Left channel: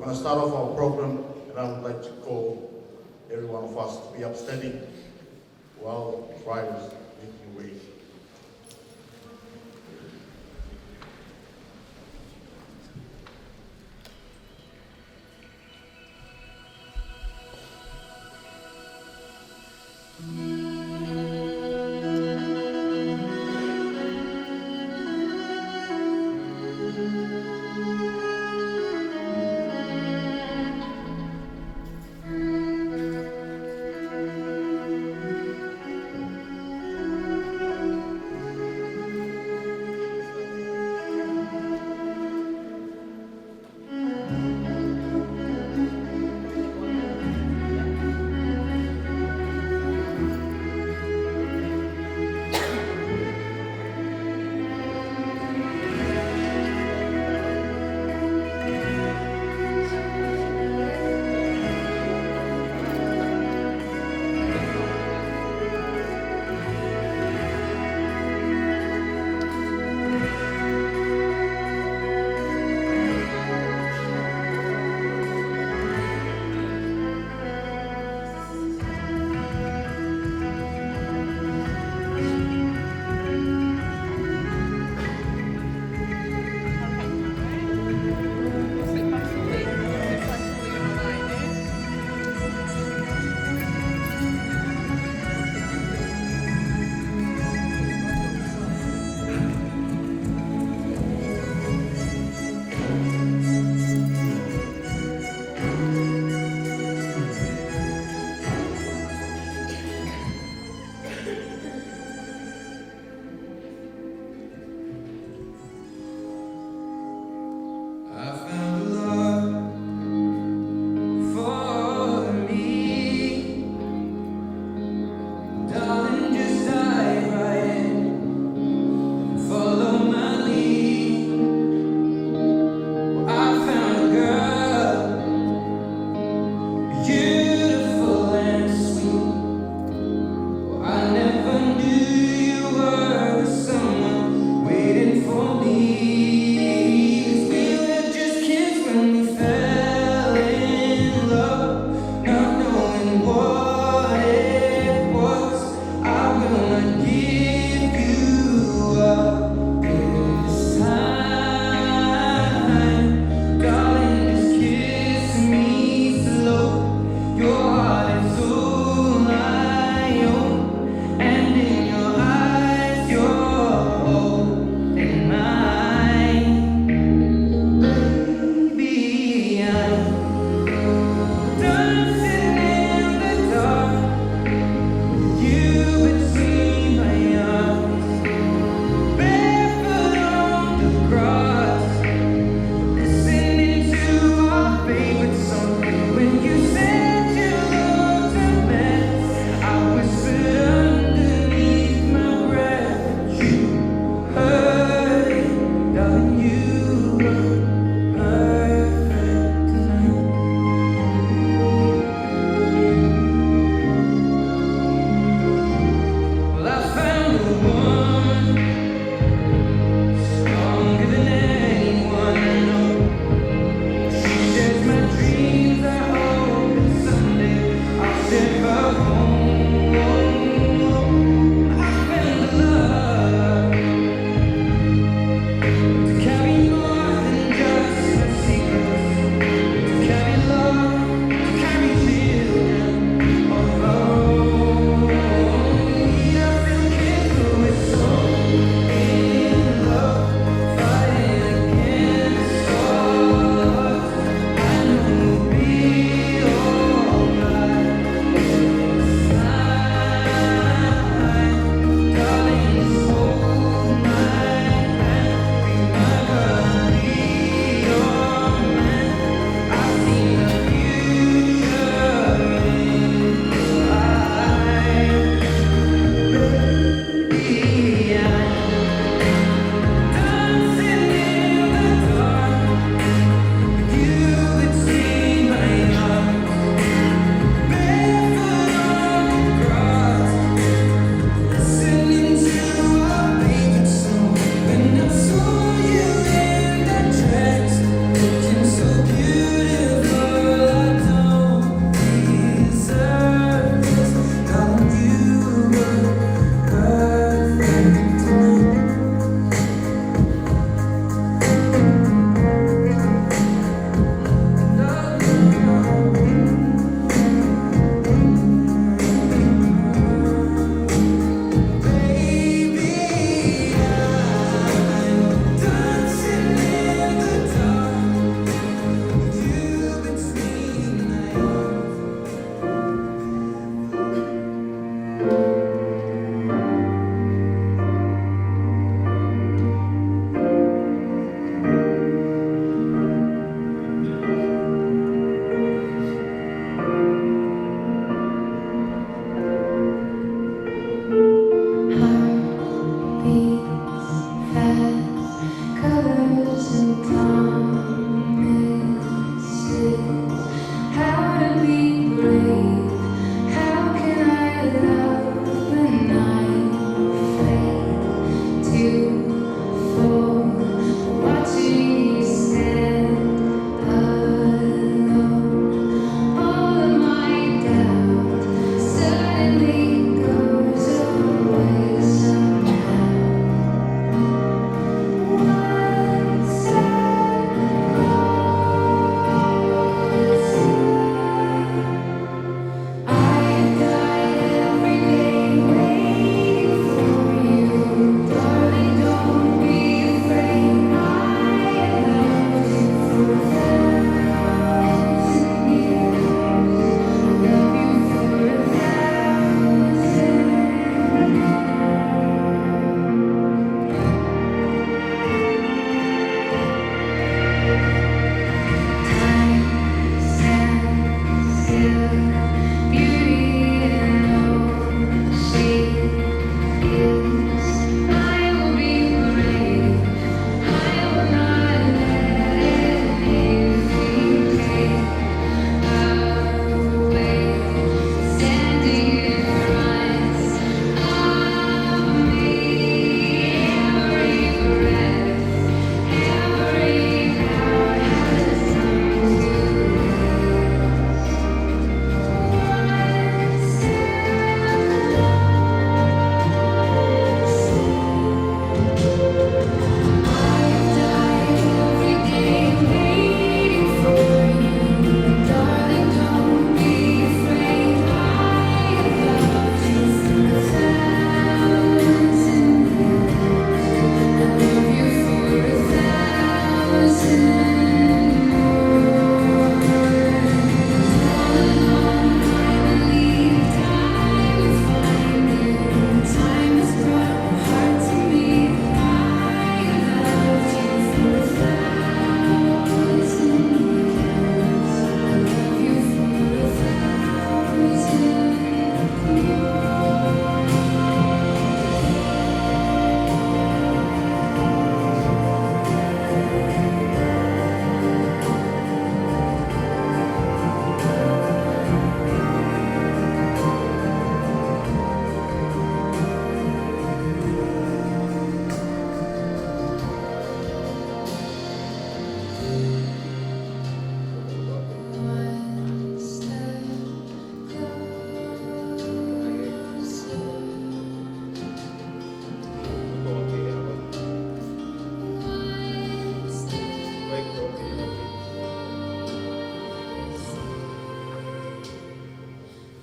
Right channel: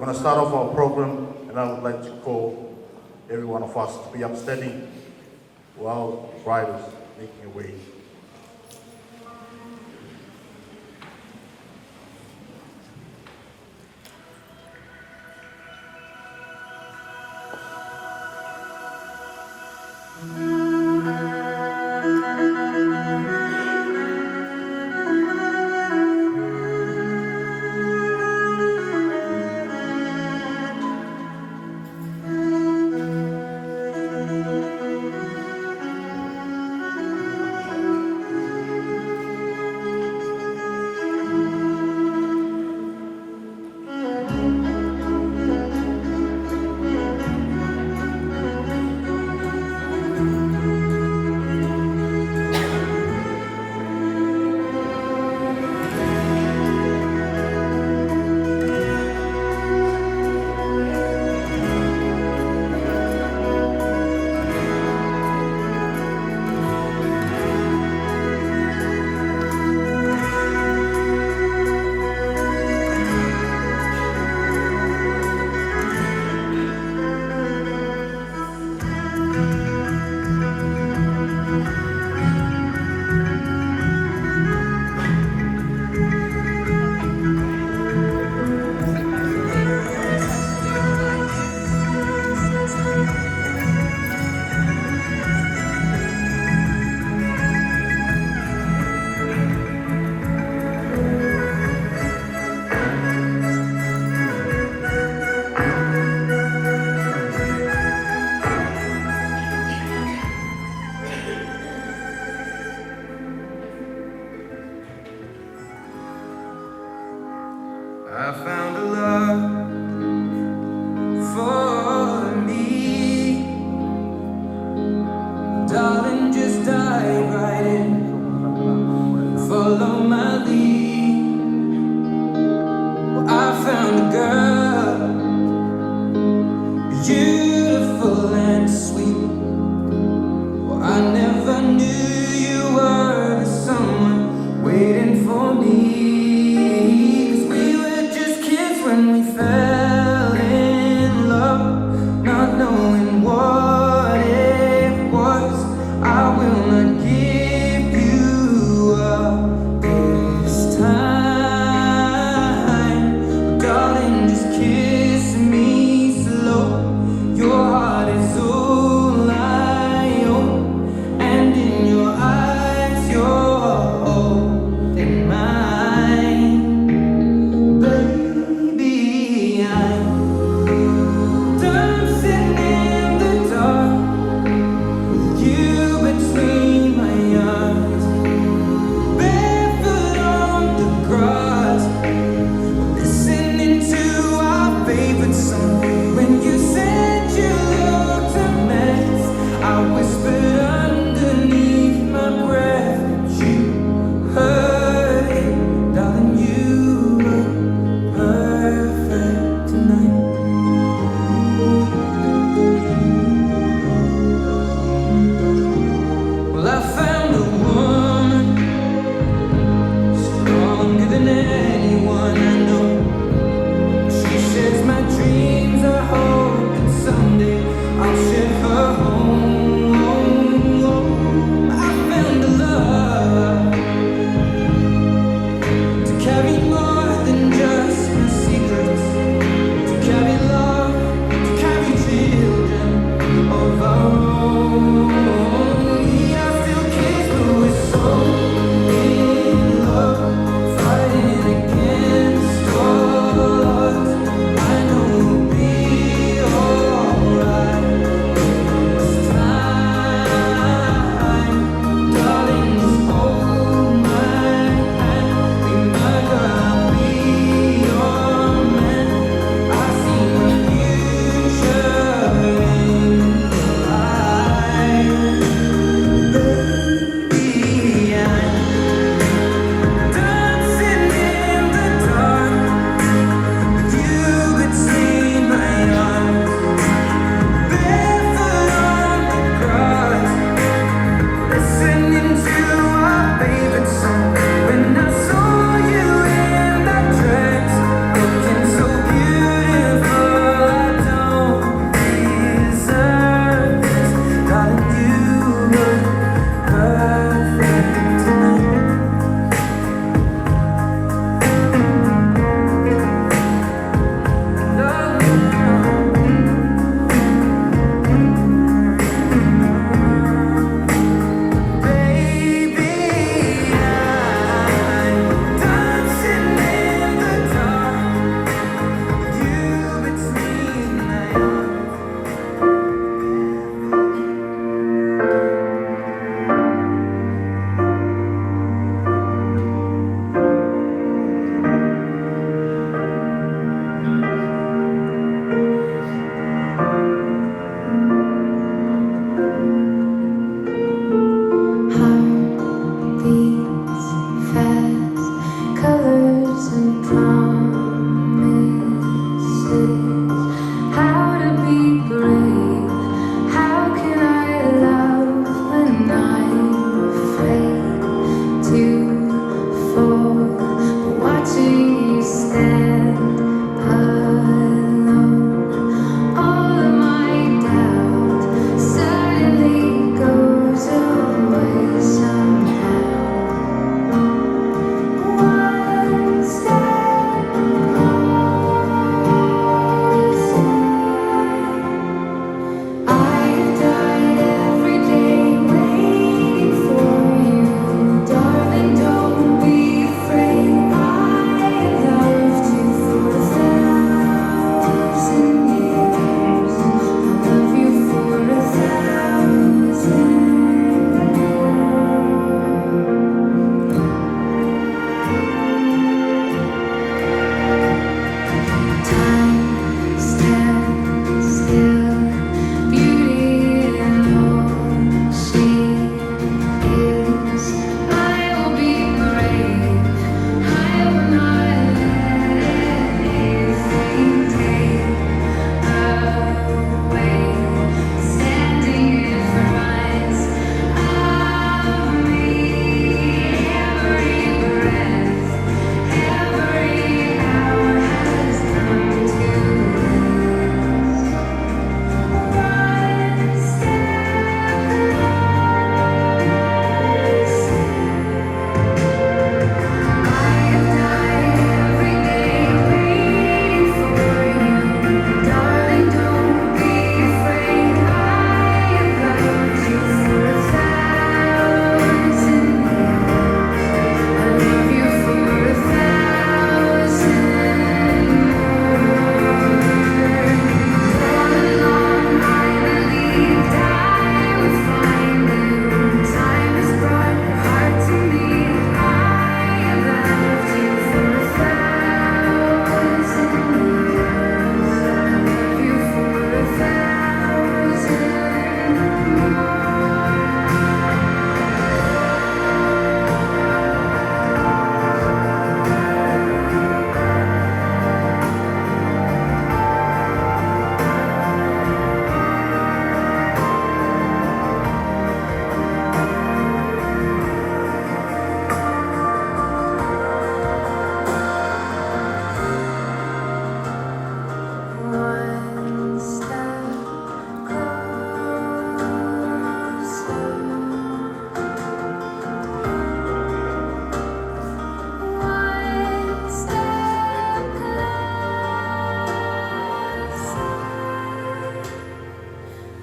We're going to start off our program, and I would like to call every one of us to be upstanding while riders making your way.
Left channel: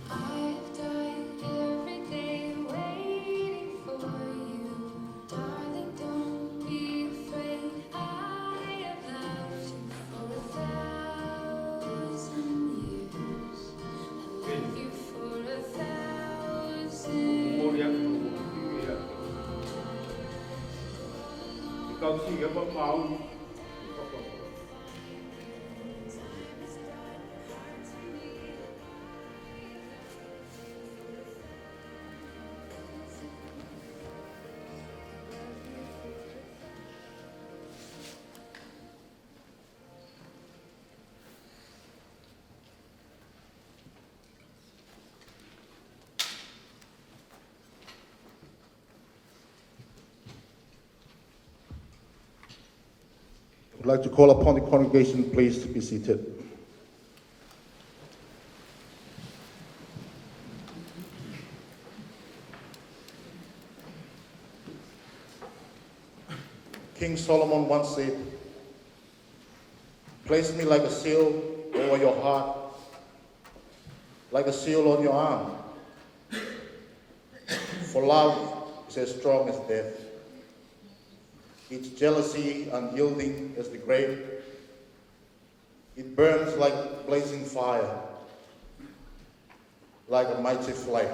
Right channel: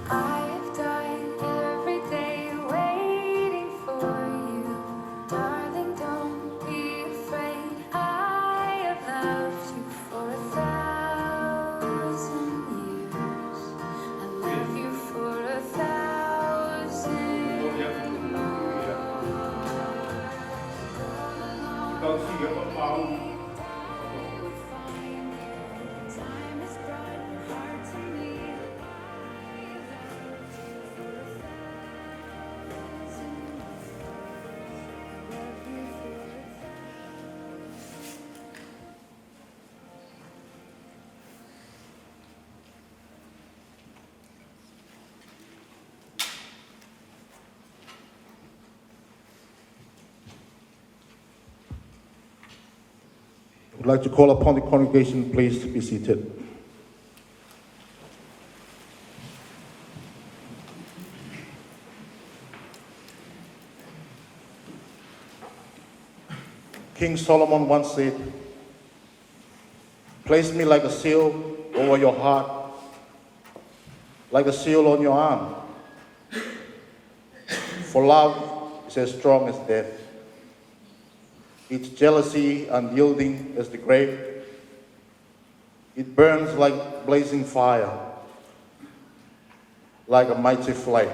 I've died every day waiting for you. Darling, don't be afraid. I have loved you for 1,000 years. I love you for 1,000 years. Con xin nhớ con vào. I'd like to call upon the congregation, please, to be seated. King Solomon once said, "Place me like a seal over your heart, like a seal on your arm. For love is as strong as death. Its jealousy unyielding as the grave. It burns like blazing fire, like a mighty flame.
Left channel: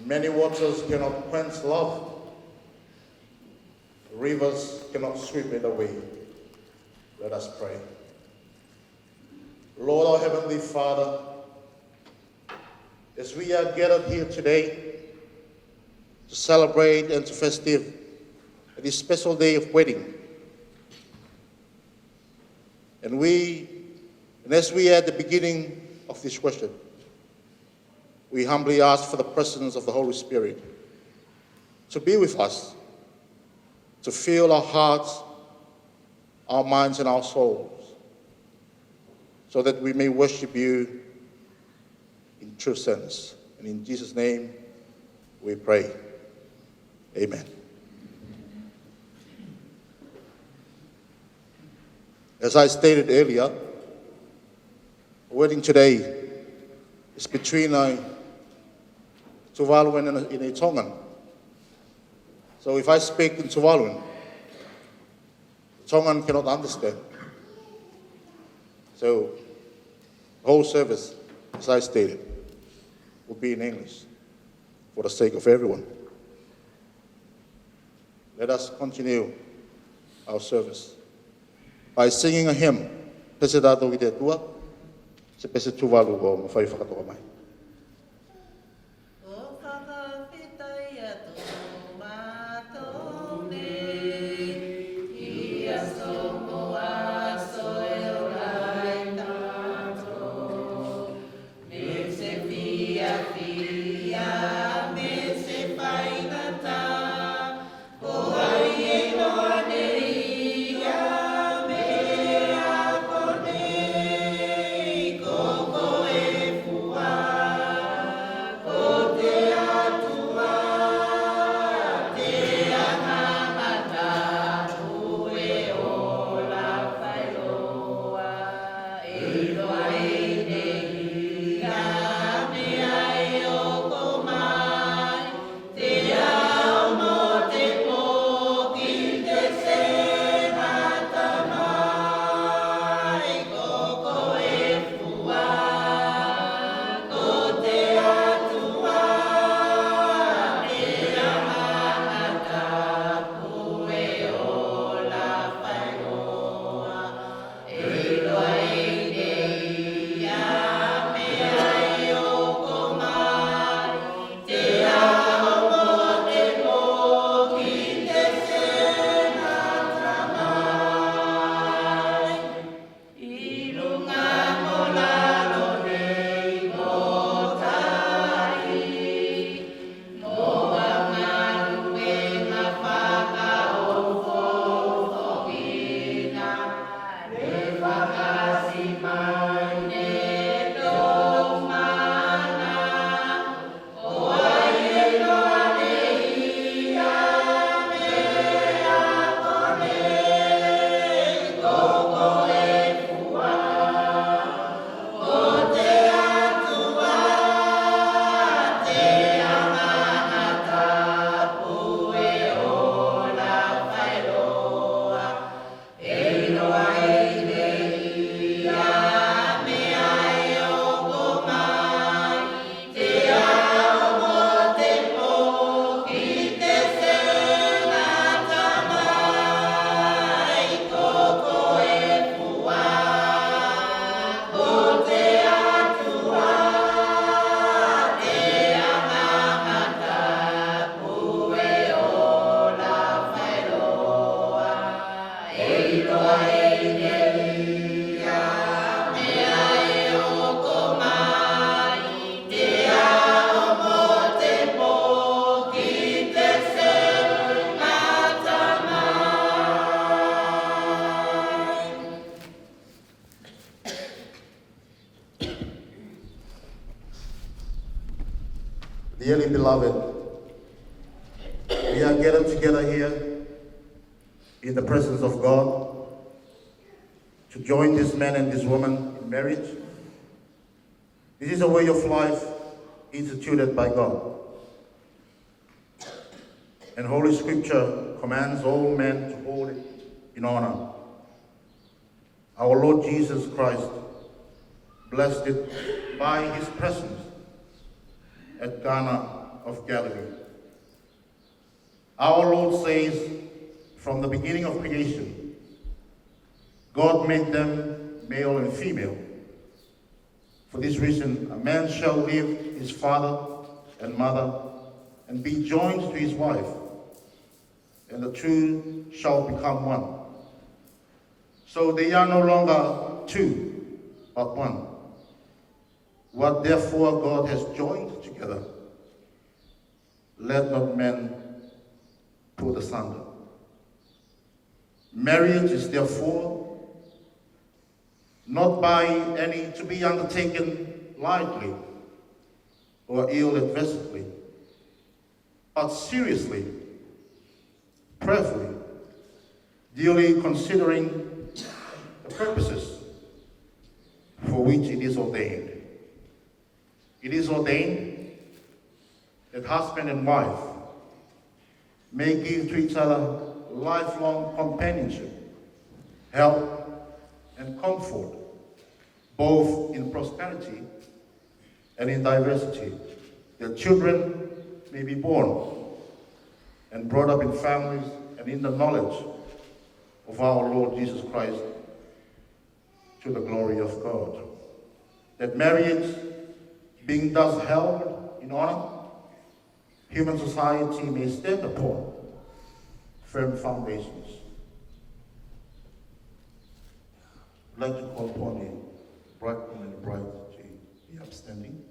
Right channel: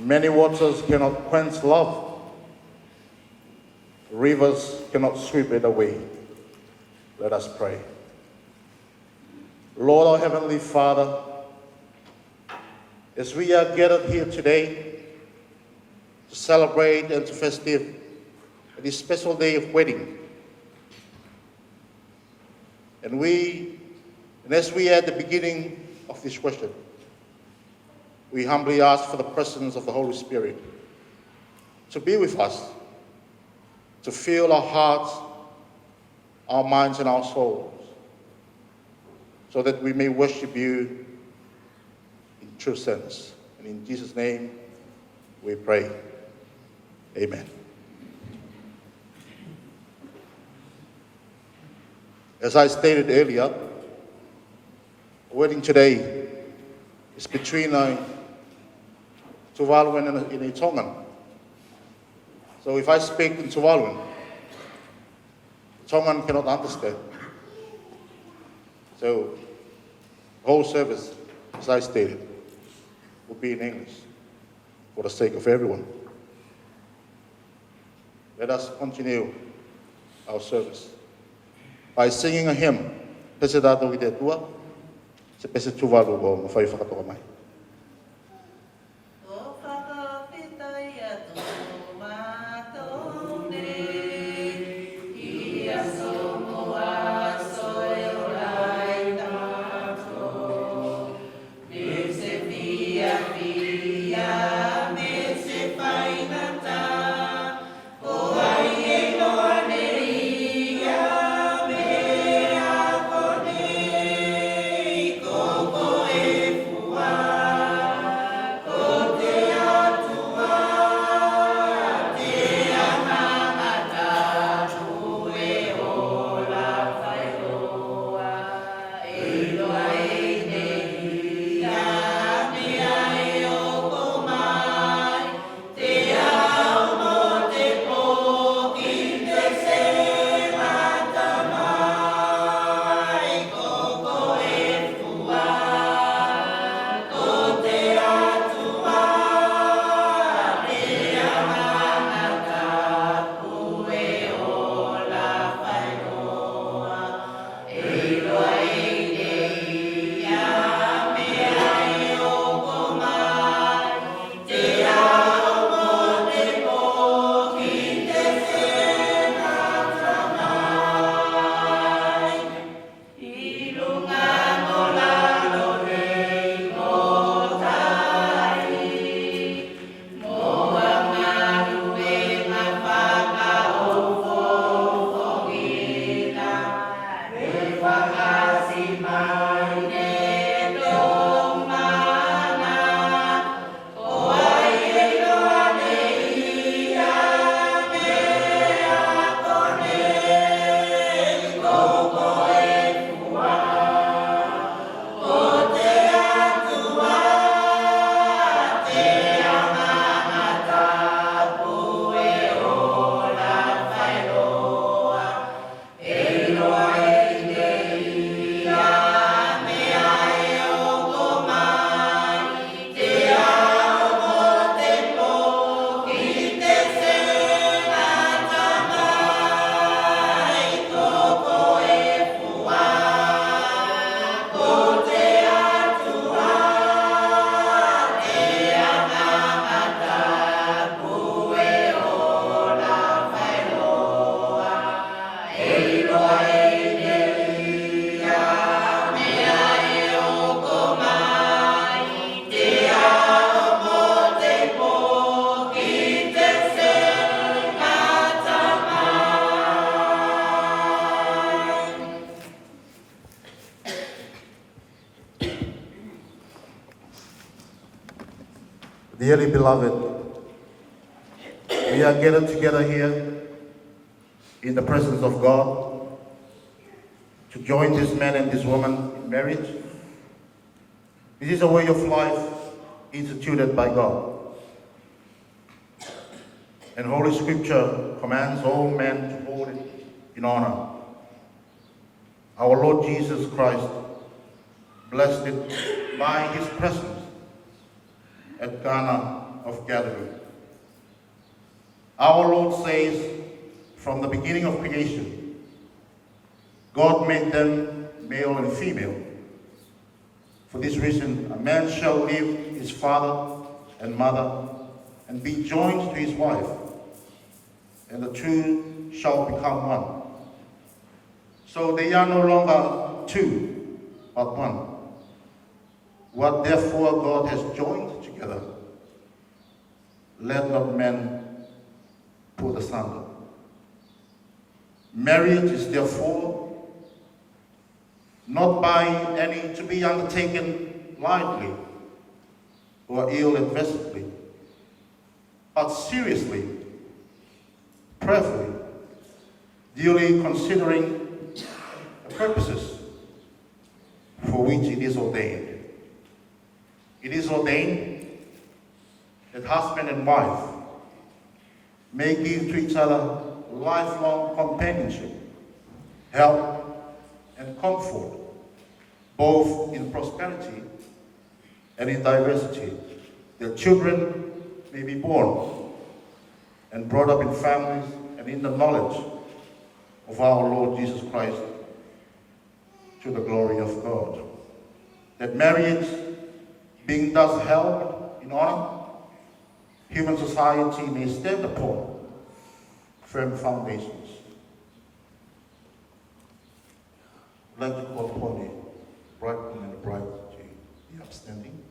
Many waters cannot quench love. Rivers cannot sweep it away." Let us pray. Lord, our Heavenly Father, as we are gathered here today to celebrate and to festive this special day of wedding, and as we are at the beginning of this worship, we humbly ask for the presence of the Holy Spirit to be with us, to fill our hearts, our minds, and our souls, so that we may worship you in true sense. And in Jesus' name we pray. Amen. As I stated earlier, the wedding today is between Tuvalu and a Tongan. So if I speak in Tuvalu, Tongan cannot understand. So the whole service, as I stated, will be in English for the sake of everyone. Let us continue our service by singing a hymn, Pese Dato Ide Tua, Se Pese Tuvalu o Mawhai Whakatoa Mai. Go, go, Dearly beloved, we are gathered together here in the presence of God to join this man and this woman in marriage. This is a way of life instituted by God. And Holy Scripture commands all men to hold it in honor. Our Lord Jesus Christ blessed it by his presence at Cana of Galilee. Our Lord says, from the beginning of creation, God made them male and female. For this reason, a man shall leave his father and mother and be joined to his wife, and the two shall become one. So they are no longer two, but one. What therefore God has joined together, let not man put asunder. Marriage is therefore not by any to be undertaken lightly or ill-advisedly, but seriously, prayerfully, duly considering the purposes for which it is ordained. It is ordained that husband and wife may give to each other lifelong companionship, help, and comfort, both in prosperity and in diversity. Their children may be born and brought up in families and in the knowledge of our Lord Jesus Christ, to the glory of God. That marriage, being thus held in honor, human society may stand upon firm foundations. Let us call upon the bridegroom and the bride to be upstanding.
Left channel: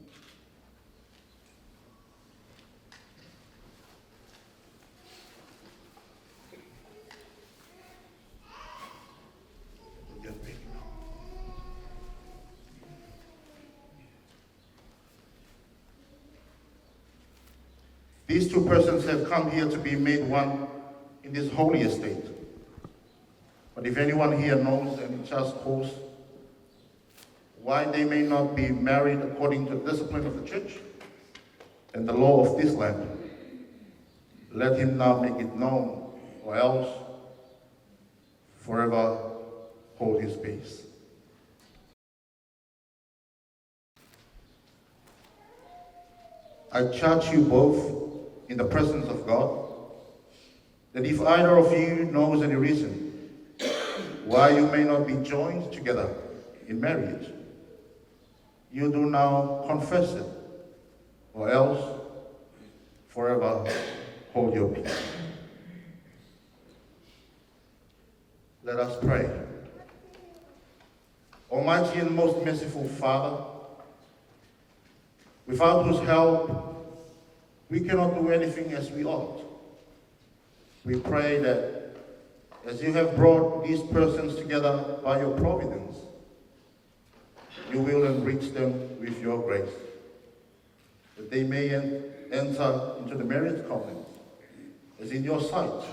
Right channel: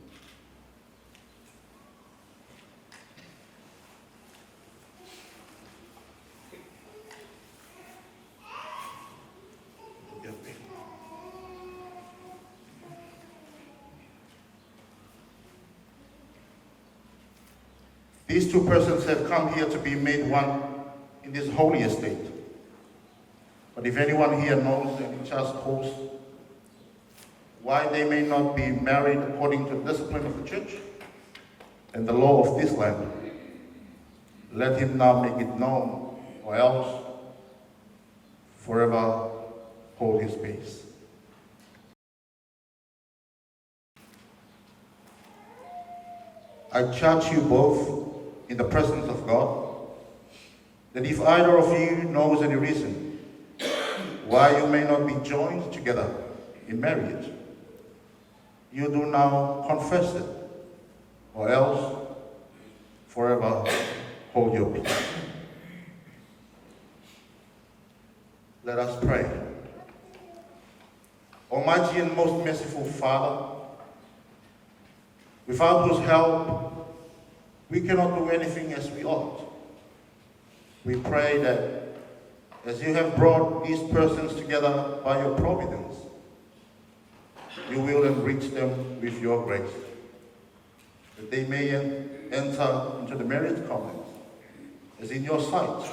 These two persons have come here to be made one in this holy estate. But if anyone here knows and just holds why they may not be married according to the discipline of the church and the law of this land, let him now make it known, or else forever hold his peace. I charge you both in the presence of God, that if either of you knows any reason why you may not be joined together in marriage, you do now confess it, or else forever hold your peace. Let us pray. Almighty and most merciful Father, without whose help we cannot do anything as we ought, we pray that as you have brought these persons together by your providence, you will enrich them with your grace, that they may enter into the marriage covenant as in your sight,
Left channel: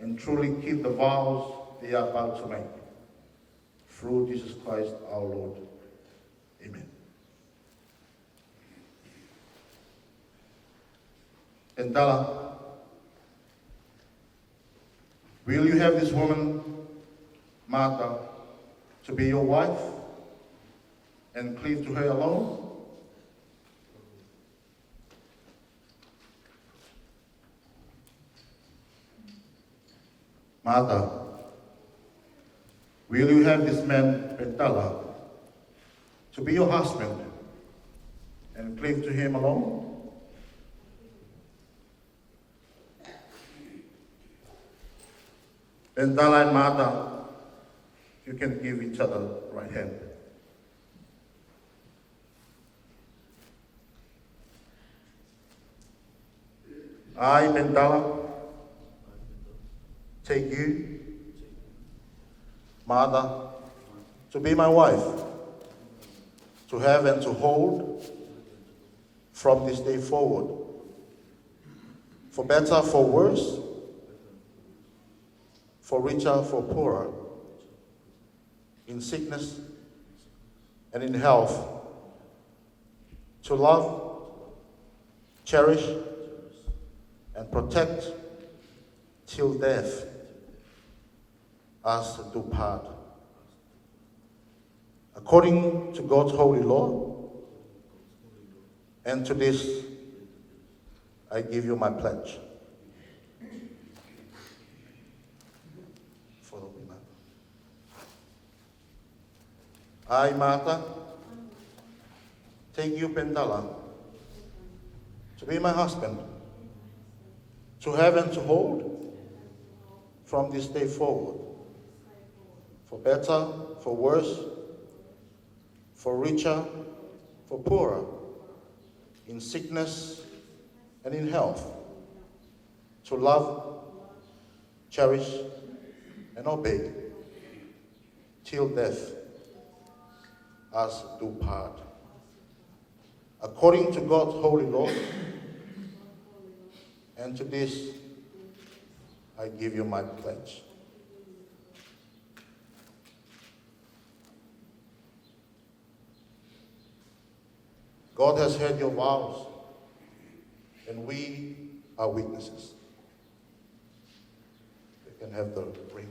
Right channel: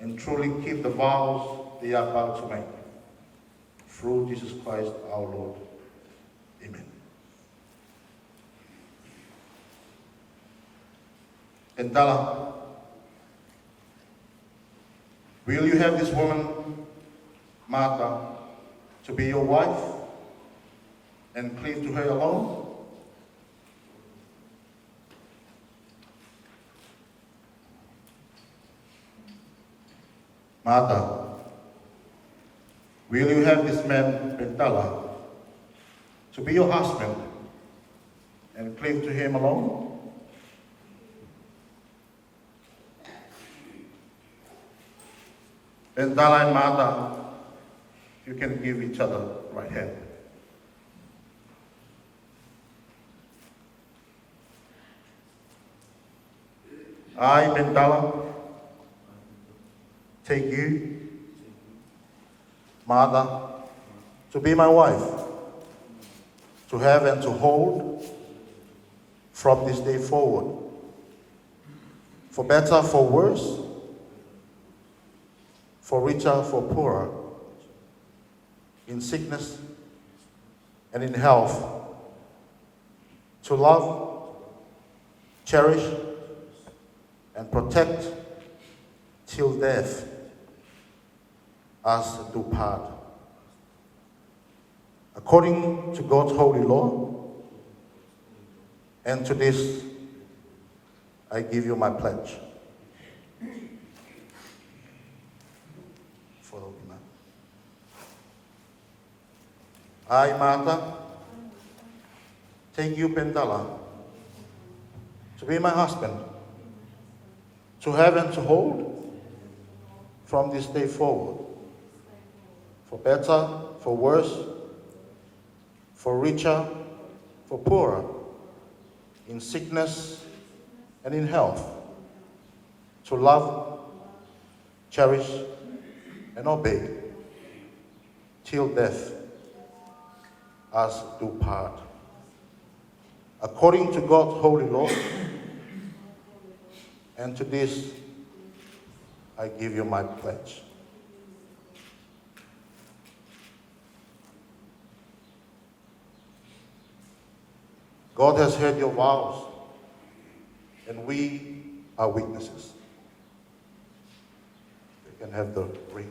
and truly keep the vows they are about to make. Through Jesus Christ our Lord. Amen. Endala, will you have this woman, Martha, to be your wife and cleave to her alone? Martha, will you have this man, Endala, to be your husband and cleave to him alone? Endala and Martha, you can give each other right hand. I, Endala, take you, Martha, to be my wife, to have and to hold from this day forward, for better, for worse, for richer, for poorer, in sickness and in health, to love, cherish, and protect till death us do part. According to God's holy law, and to this I give you my pledge. I, Martha, take you, Pendala, to be my husband, to have and to hold from this day forward, for better, for worse, for richer, for poorer, in sickness and in health, to love, cherish, and obey, till death us do part. According to God's holy law, and to this I give you my pledge. God has heard your vows, and we are witnesses. You can have the ring.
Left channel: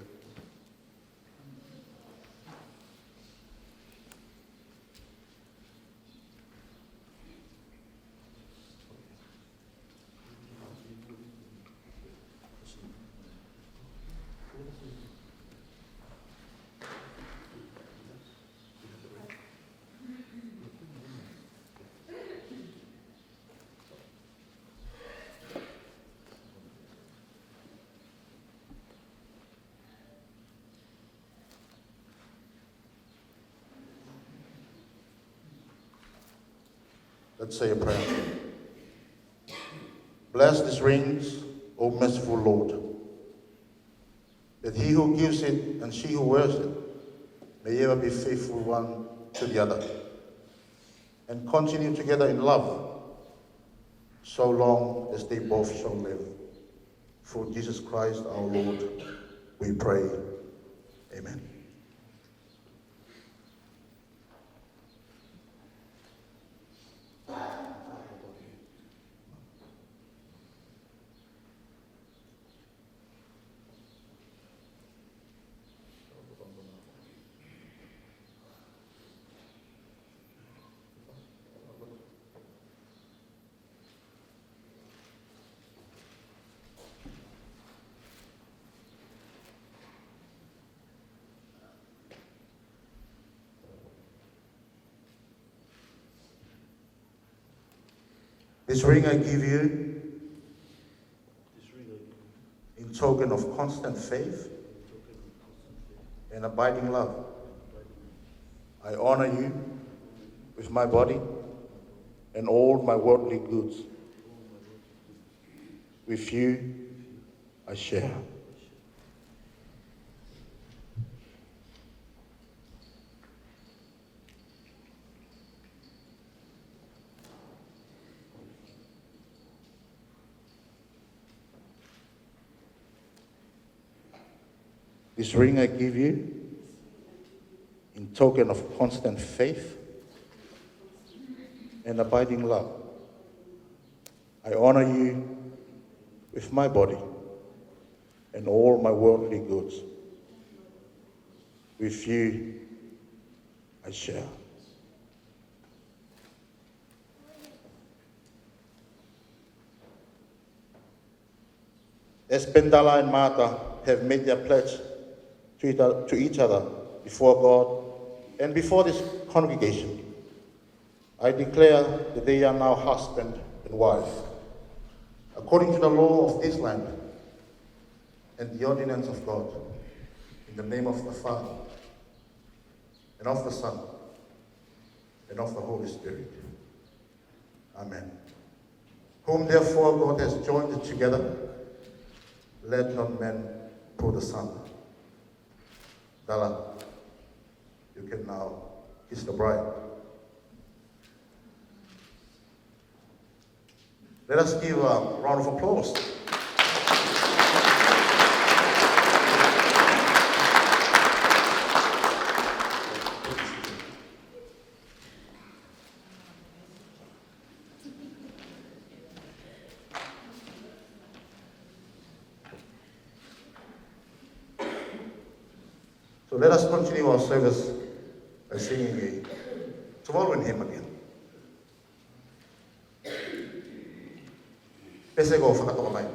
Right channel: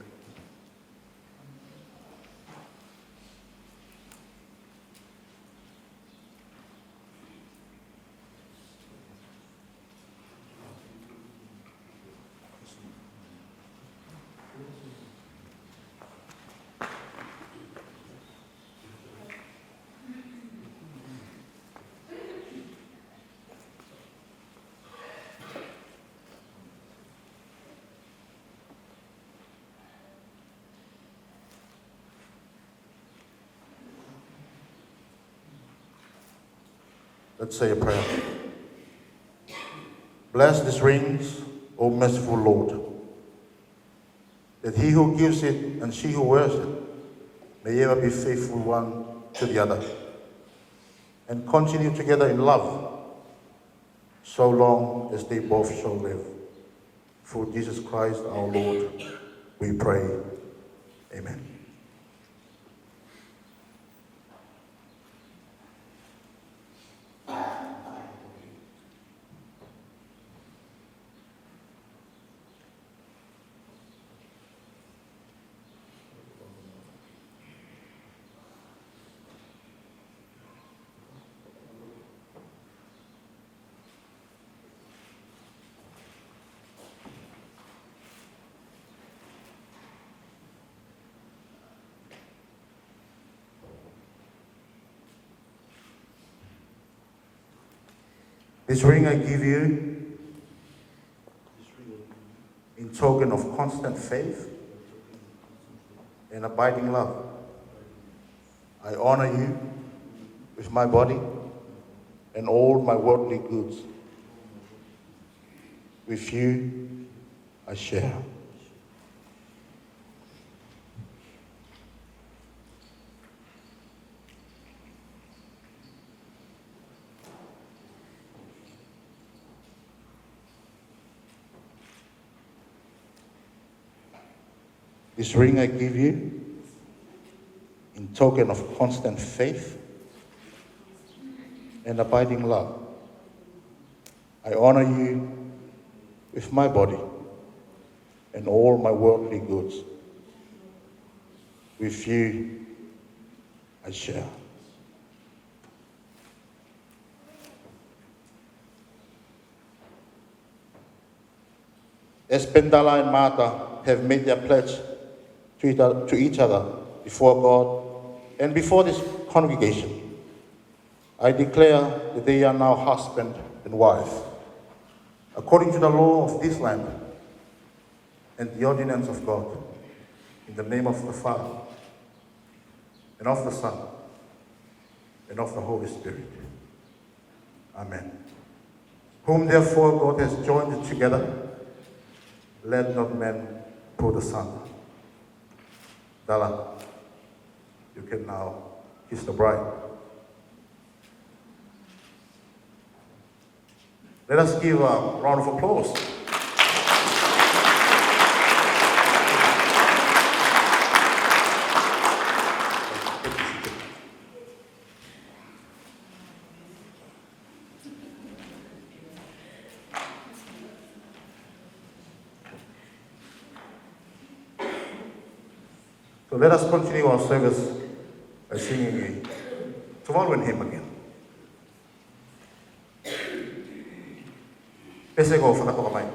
Let's say a prayer. Bless these rings, O merciful Lord, that he who gives it and she who wears it may ever be faithful one to the other, and continue together in love, so long as they both shall live. Through Jesus Christ our Lord, we pray. Amen. This ring I give you in token of constant faith and abiding love. I honor you with my body and all my worldly goods. With you I share. This ring I give you in token of constant faith and abiding love. I honor you with my body and all my worldly goods. With you I share. As Pendala and Martha have made their pledge to each other before God and before this congregation, I declare that they are now husband and wife, according to the law of this land and the ordinance of God, in the name of the Father, and of the Son, and of the Holy Spirit. Amen. Whom therefore God has joined together, let not man put asunder. Dala, you can now kiss the bride. Let us give a round of applause. So let us continue our service by singing a following hymn again. Pese ko sa nato kamay.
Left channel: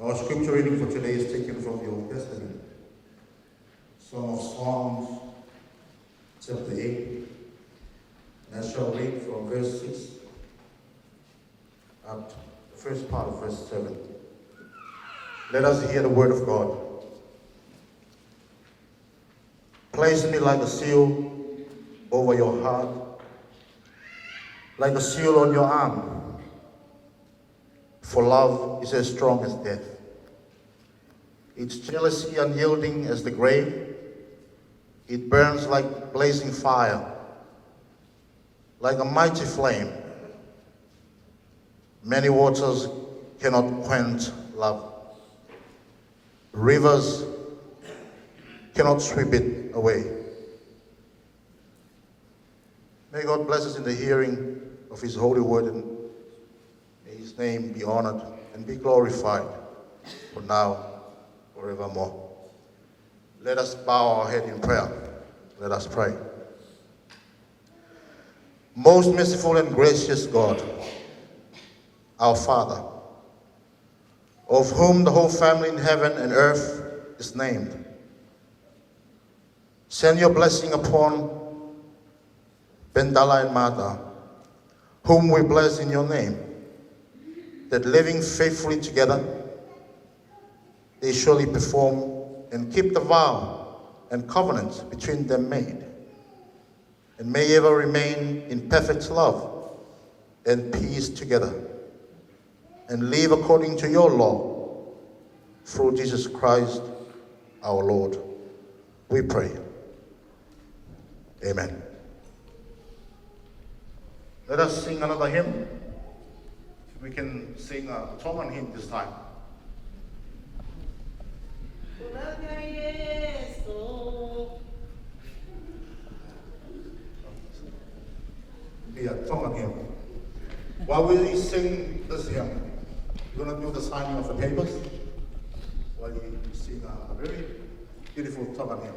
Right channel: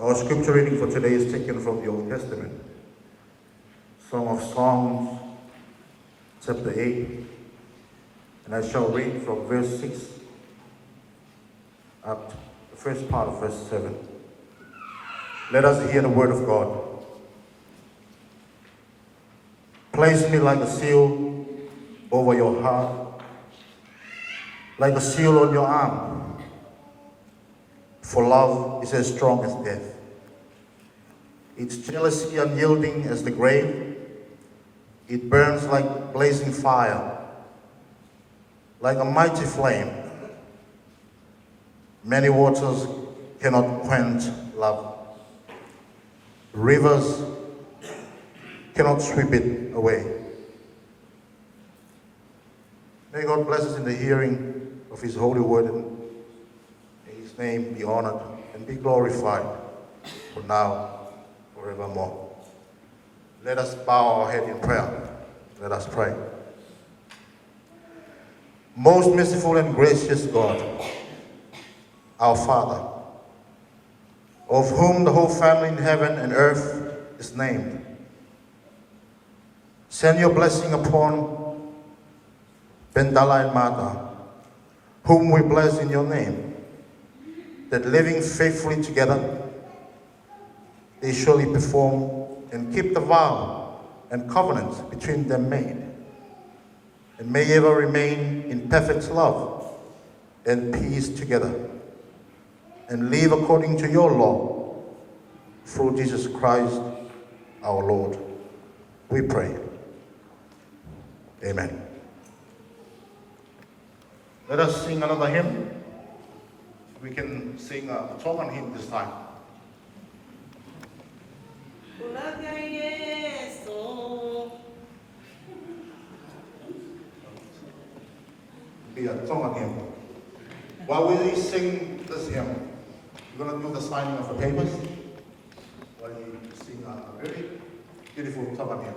Our scripture reading for today is taken from the Old Testament. Song of Songs, chapter 8, and I shall read from verse 6 up to the first part of verse 7. Let us hear the word of God. Place me like a seal over your heart, like a seal on your arm. For love is as strong as death. Its jealousy unyielding as the grave. It burns like blazing fire, like a mighty flame. Many waters cannot quench love. Rivers cannot sweep it away. May God bless us in the hearing of His holy word, and may His name be honored and be glorified. for now, forevermore. Let us bow our head in prayer. Let us pray. Most merciful and gracious God, our Father, of whom the whole family in heaven and earth is named, send your blessing upon Bendala and Mata, whom we bless in your name, that living faithfully together, they surely perform and keep the vow and covenants between them made, and may ever remain in perfect love and peace together, and live according to your law, through Jesus Christ our Lord. We pray. Amen. Let us sing another hymn. We can sing a Tongan hymn this time. Be a Tongan hymn. While we sing this hymn, we're going to do the signing of the papers while you sing a very beautiful Tongan hymn.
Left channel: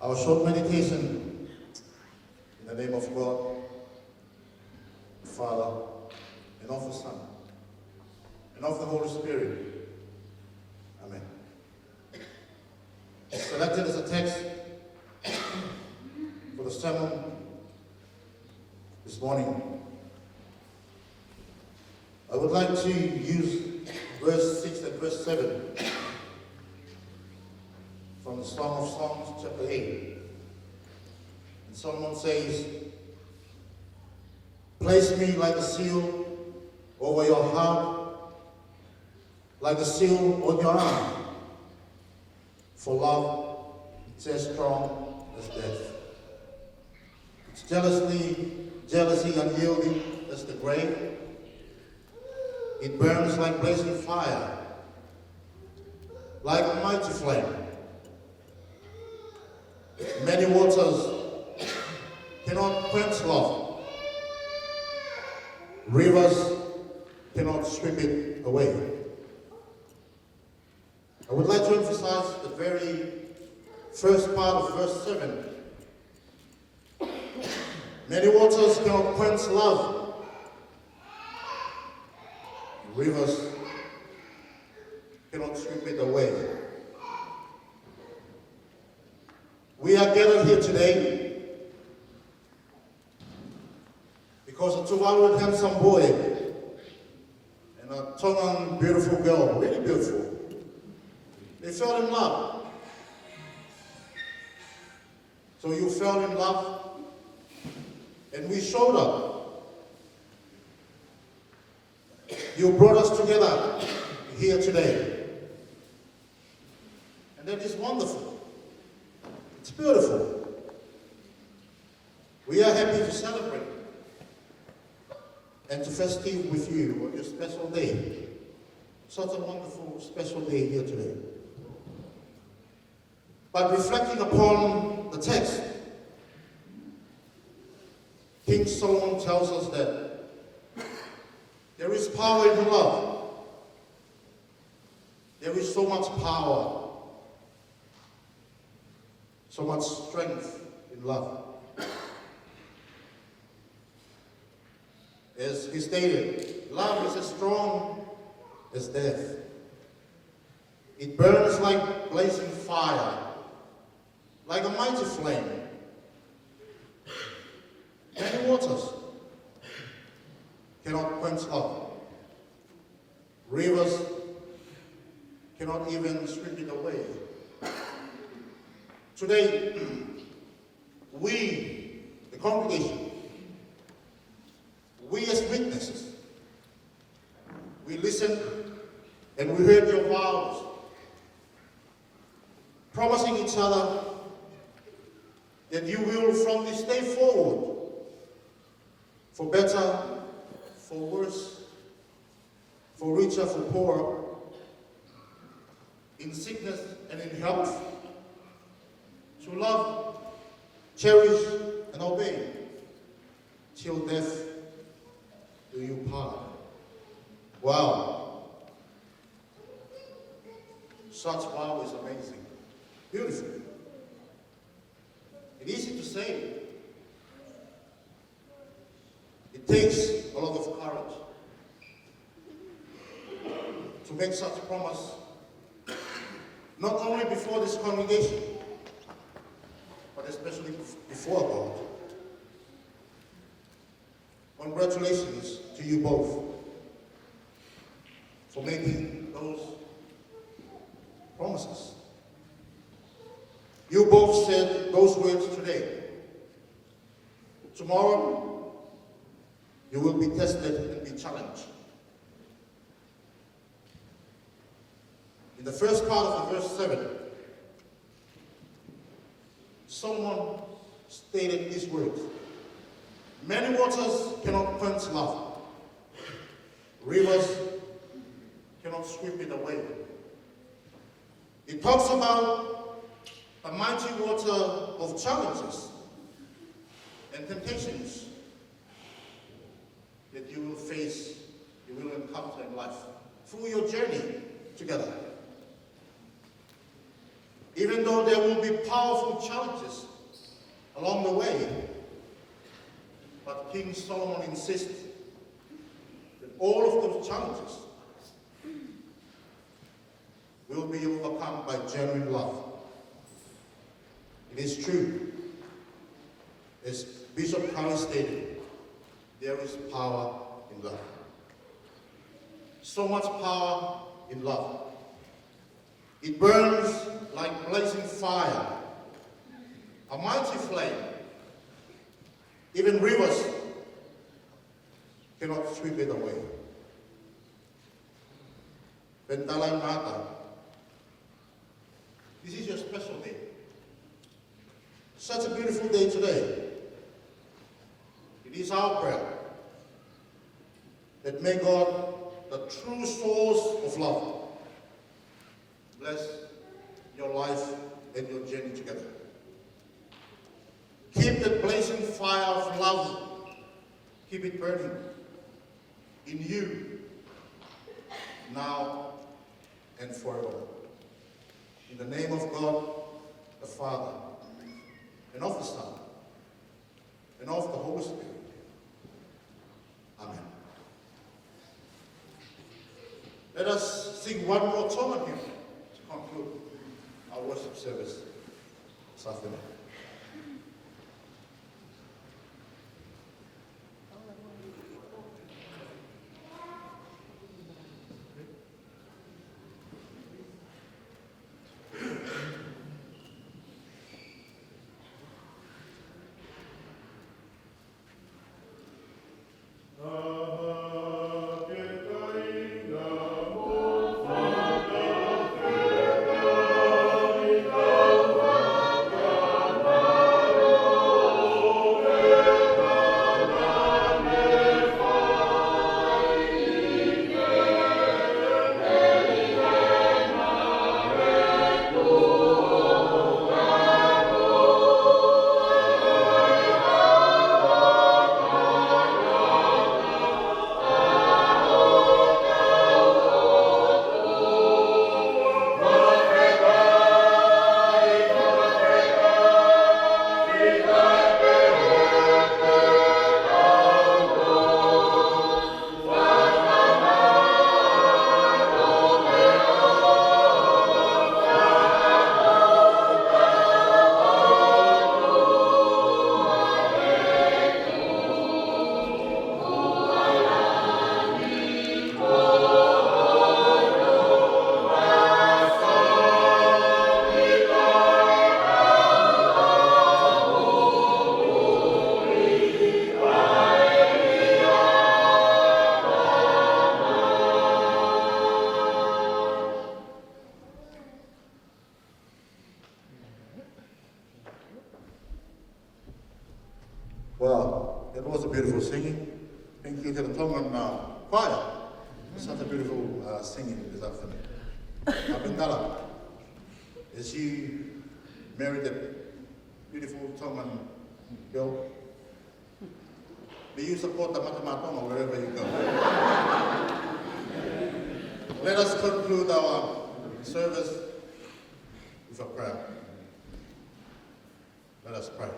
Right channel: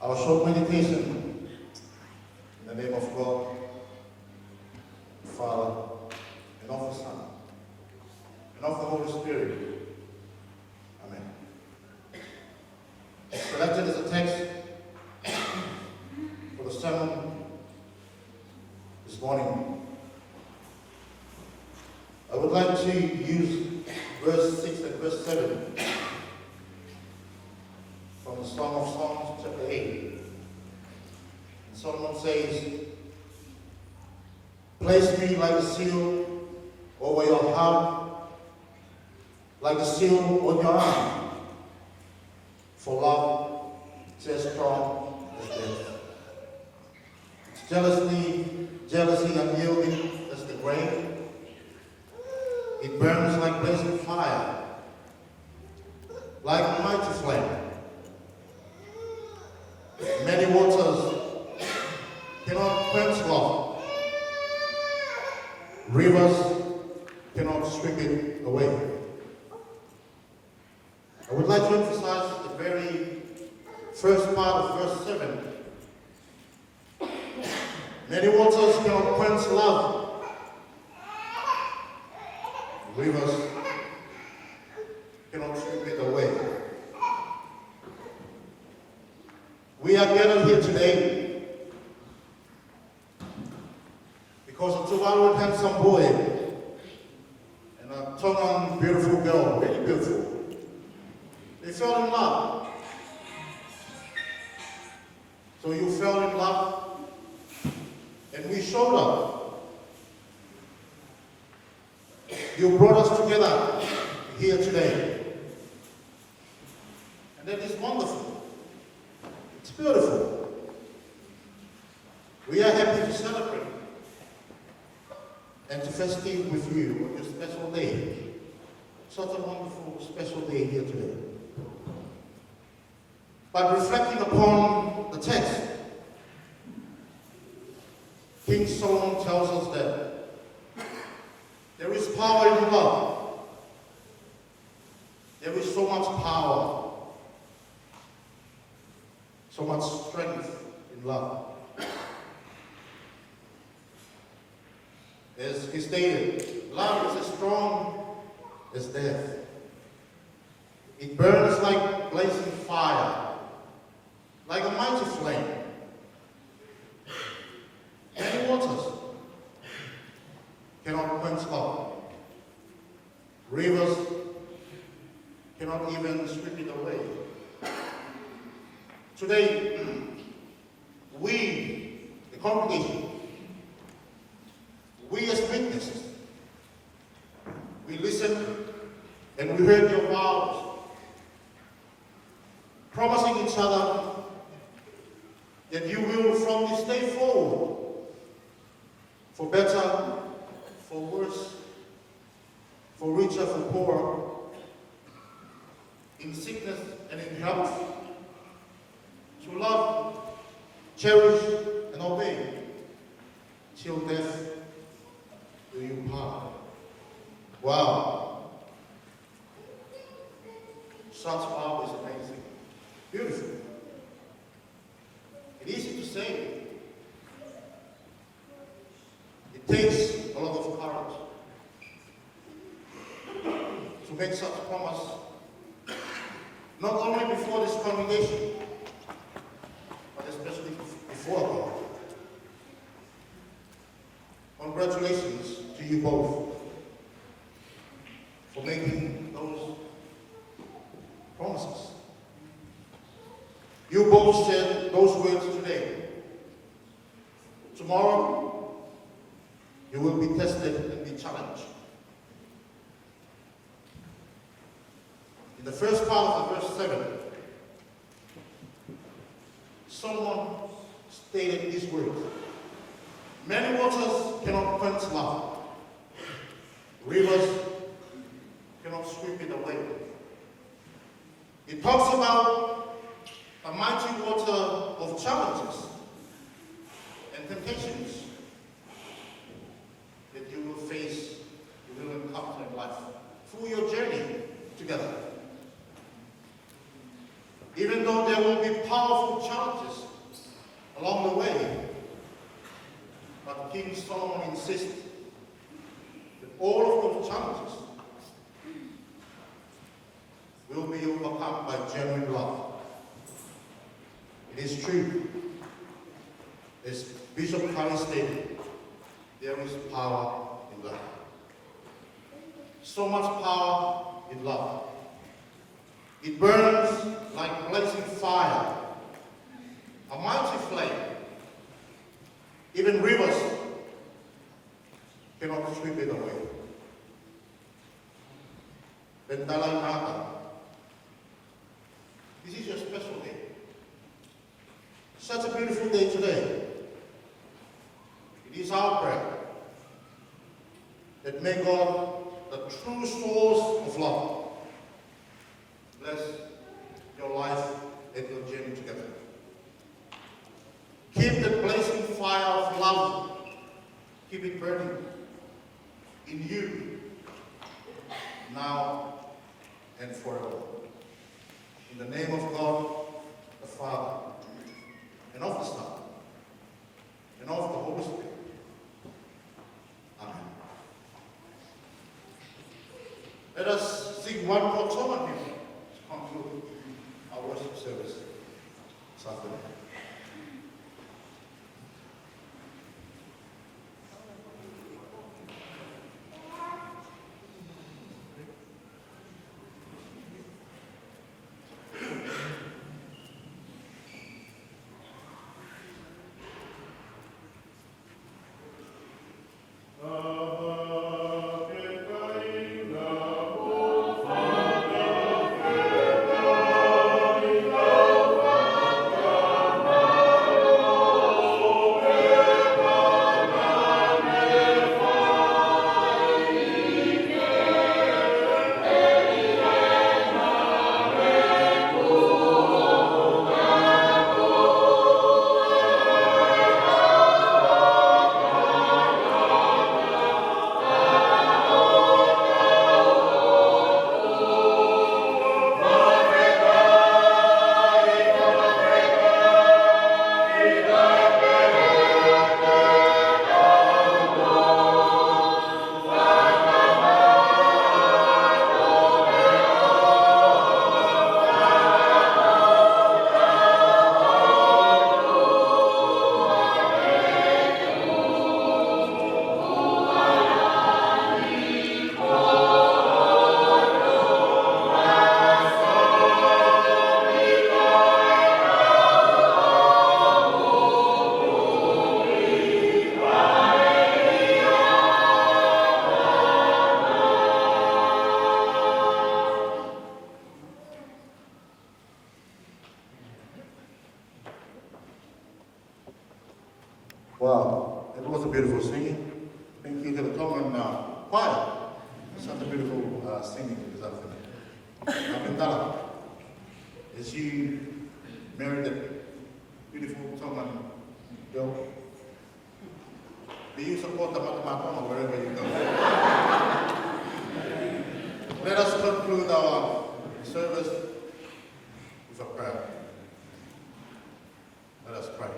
Our short meditation in the name of God, the Father, and of the Son, and of the Holy Spirit. Amen. Selected as a text for the sermon this morning. I would like to use verse 6 and verse 7 from the Song of Songs, chapter 8. And Solomon says, "Place me like a seal over your heart, like a seal on your arm. For love is as strong as death. It's jealousy unyielding as the grave. It burns like blazing fire, like a mighty flame. Many waters cannot quench love. Rivers cannot sweep it away." I would like to emphasize the very first part of verse 7. Many waters cannot quench love. Rivers cannot sweep it away. We are gathered here today because a 2-hour handsome boy and a tall, beautiful girl, really beautiful, they fell in love. So you fell in love, and we showed up. You brought us together here today, and that is wonderful. It's beautiful. We are happy to celebrate and to festive with you on this special day. Such a wonderful special day here today. But reflecting upon the text, King Solomon tells us that there is power in love. There is so much power, so much strength in love. As he stated, love is as strong as death. It burns like blazing fire, like a mighty flame. Rivers cannot even sweep it away. Today, we, the congregation, we as witnesses, we listened and we heard your vows, promising each other that you will from this day forward, for better, for worse, for richer, for poorer, in sickness and in health, to love, cherish, and obey, till death do you part. Wow. Such vow is amazing. Beautiful. It's easy to say. It takes a lot of courage to make such a promise, not only before this congregation, but especially before God. Congratulations to you both for making those promises. You both said those words today. Tomorrow, you will be tested and be challenged. In the first part of verse 7, Solomon stated these words: many waters cannot quench love. Rivers cannot sweep it away. It talks about a mighty water of challenges and temptations that you will face, you will encounter in life through your journey together. Even though there will be powerful challenges along the way, but King Solomon insists that all of those challenges will be overcome by genuine love. It is true, as Bishop Kali stated, there is power in love. So much power in love. It burns like blazing fire, a mighty flame. Even rivers cannot sweep it away. Bentalai Mata, this is your special day. Such a beautiful day today. It is our prayer that may God, the true source of love, bless your life and your journey together. Keep the blazing fire of love, keep it burning in you, now and forever. In the name of God, the Father, and of the Son, and of the Holy Spirit. Amen. Let us sing one more Toma hymn to conclude our worship service this afternoon. Amen. Wow, it was a beautiful singing. Thank you to the Tongan choir. Such a beautiful singing this afternoon. Apindala, as you married a beautiful Tongan girl, do you support the Matamatoma wherever you go? Let us conclude our service with a prayer. Let us pray.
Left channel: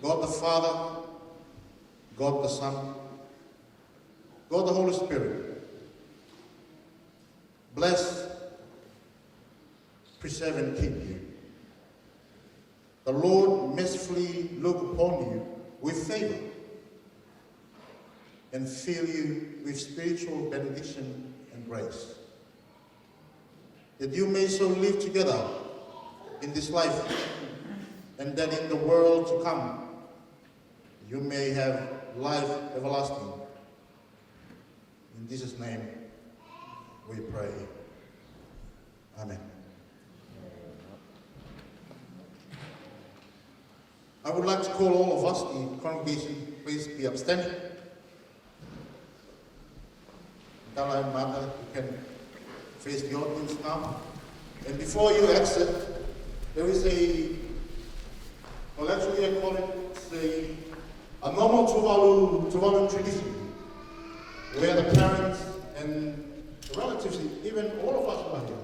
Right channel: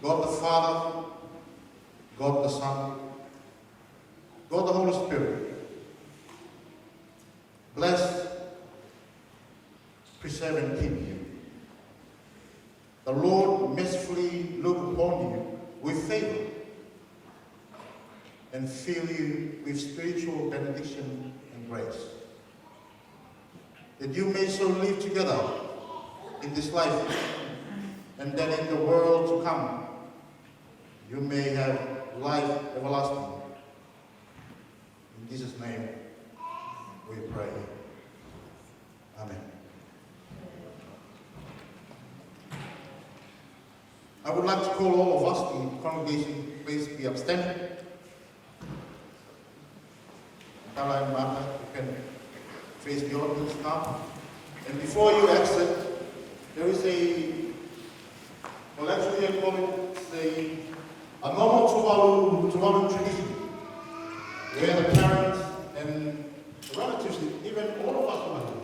God the Father, God the Son, God the Holy Spirit, bless, preserve, and keep you. The Lord mercifully look upon you with favor and fill you with spiritual benediction and grace, that you may so live together in this life, and that in the world to come you may have life everlasting. In Jesus' name we pray. Amen. I would like to call all of us, the congregation, please be upstanding. Dala and Mata, you can face the audience now. And before you exit, there is well actually I call it a normal Tuvalu tradition, where the parents and the relatives, even all of us who are here,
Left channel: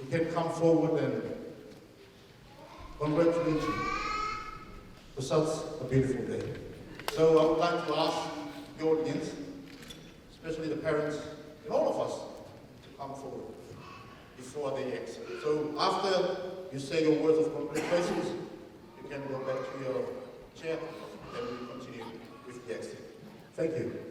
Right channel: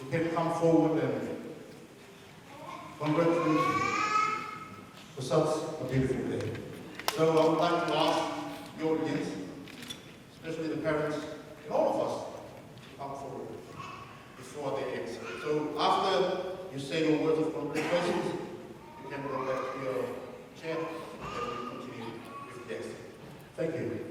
you can come forward and congratulate you for such a beautiful day. So I would like to ask the audience, especially the parents and all of us, to come forward before they exit. So after you say your words of congratulations, you can go back to your chair and we continue with the exit. Thank you.